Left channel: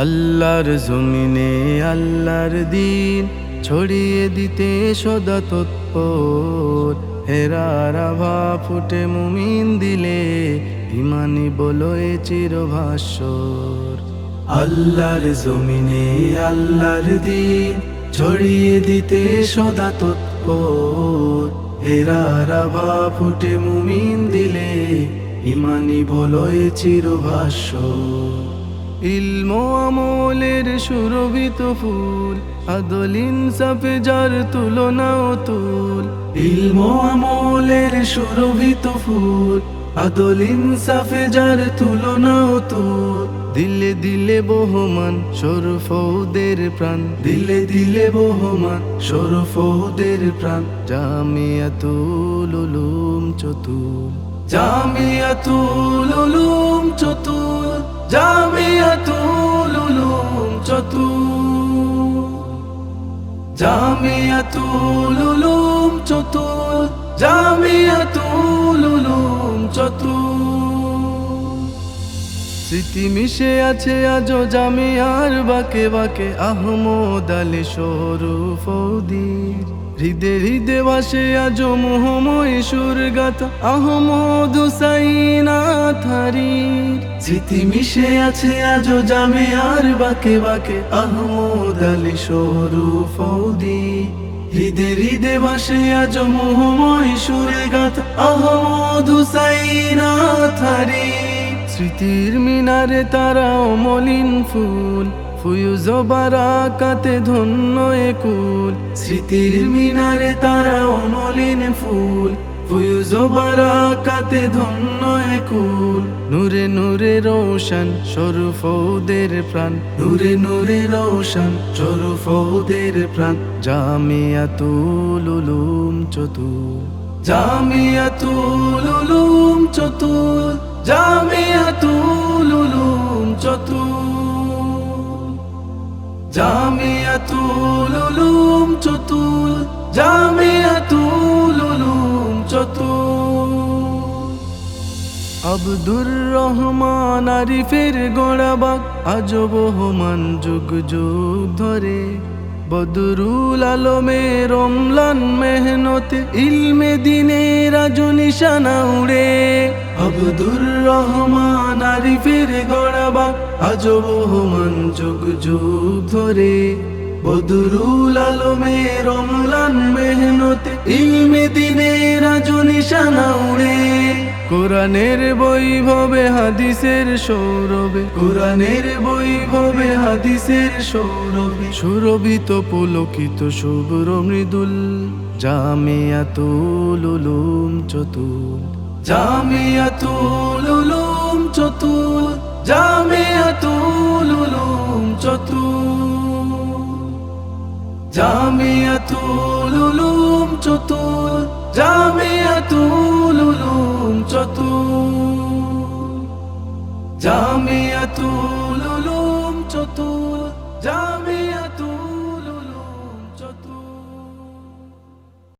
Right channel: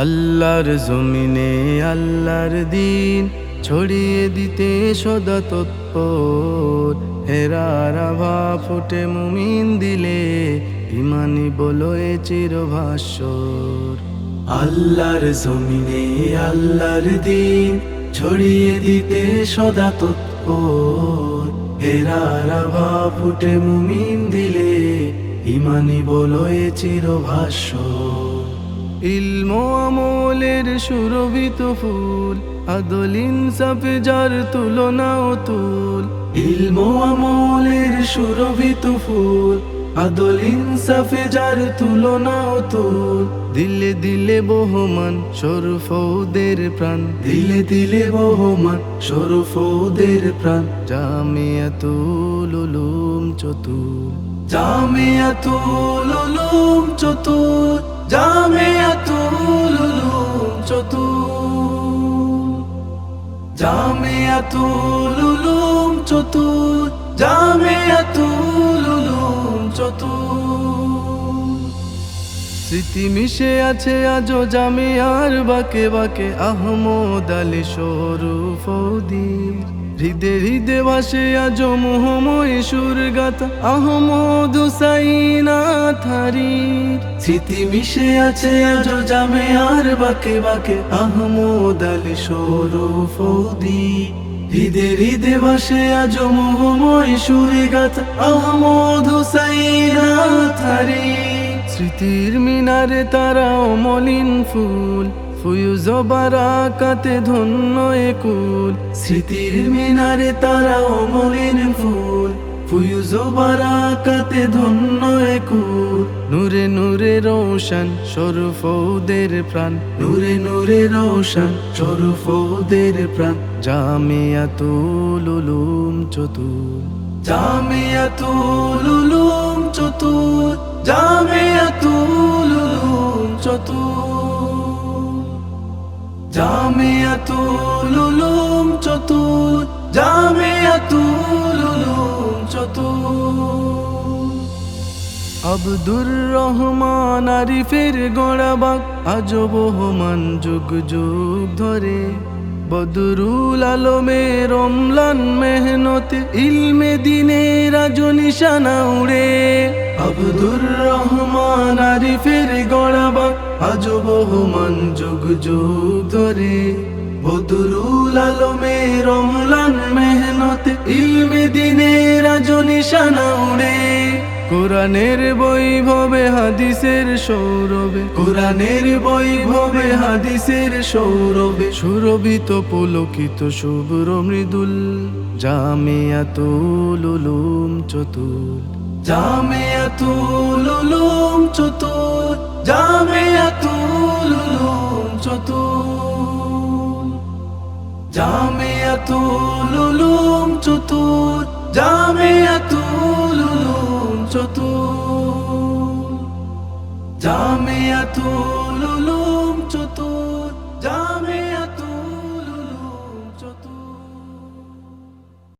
আল্লাহর জমিনে আল্লাহর দিন ছড়িয়ে দিতে সদা তৎপর, হেরার আভা ফুটে মুমিন দিলে ইমানি বলো এ চিরভাস্বর। আল্লাহর জমিনে আল্লাহর দিন ছড়িয়ে দিতে সদা তৎপর, হেরার আভা ফুটে মুমিন দিলে ইমানি বলো এ চিরভাস্বর। ইলম আমলের সুরভিত ফুল, আদল ইনসাফে যার তুলনা অতুল। ইলম আমলের সুরভিত ফুল, আদল ইনসাফে যার তুলনা অতুল। দিলে দিলে বহমান শরফৌদের প্রাণ, দিলে দিলে বহমান শরফৌদের প্রাণ। জামিয়াতুল উলুম চতুল, জামিয়াতুল উলুম চতুল, জামিয়াতুল উলুম চতুল, জামিয়াতুল উলুম চতুল, জামিয়াতুল উলুম চতুল। স্মৃতি মিশে আছে আজো জামিয়ার বাকে বাকে, আহমদ আলী শরফৌদির। হৃদে হৃদে ভাসে আজো মোহময় সুর গাথা, আহমদ হুসাইন আথারির। স্মৃতি মিশে আছে আজো জামিয়ার বাকে বাকে, আহমদ আলী শরফৌদির। হৃদে হৃদে ভাসে আজো মোহময় সুর গাথা, আহমদ হুসাইন আথারির। স্মৃতির মিনারে তারা অমলিন ফুল, ফুয়ুজ বারাকাতে ধন্য একুল। স্মৃতির মিনারে তারা অমলিন ফুল, ফুয়ুজ বারাকাতে ধন্য একুল। নূরে নূরে রোশন শরফৌদের প্রাণ, নূরে নূরে রোশন শরফৌদের প্রাণ। জামিয়াতুল উলুম চতুল, জামিয়াতুল উলুম চতুল, জামিয়াতুল উলুম চতুল, জামিয়াতুল উলুম চতুল, জামিয়াতুল উলুম চতুল। আব্দুর রহমান আরিফের গড়াবাগ আজো বহমান যুগ যুগ ধরে। বদরুল আলমের অম্লান মেহনতে ইলমে দিনের আজো নিশানা উড়ে। আব্দুর রহমান আরিফের গড়াবাগ আজো বহমান যুগ যুগ ধরে। বদরুল আলমের অম্লান মেহনতে ইলমে দিনের আজো নিশানা উড়ে। কোরআনের বৈভবে হাদিসের সৌরভে, কোরআনের বৈভবে হাদিসের সৌরভে সুরভিত পুলকিত শুভ্র মৃদুল। জামিয়াতুল উলুম চতুল, জামিয়াতুল উলুম চতুল, জামিয়াতুল উলুম চতুল, জামিয়াতুল উলুম চতুল, জামিয়াতুল উলুম চতুল, জামিয়াতুল উলুম চতুল, জামিয়া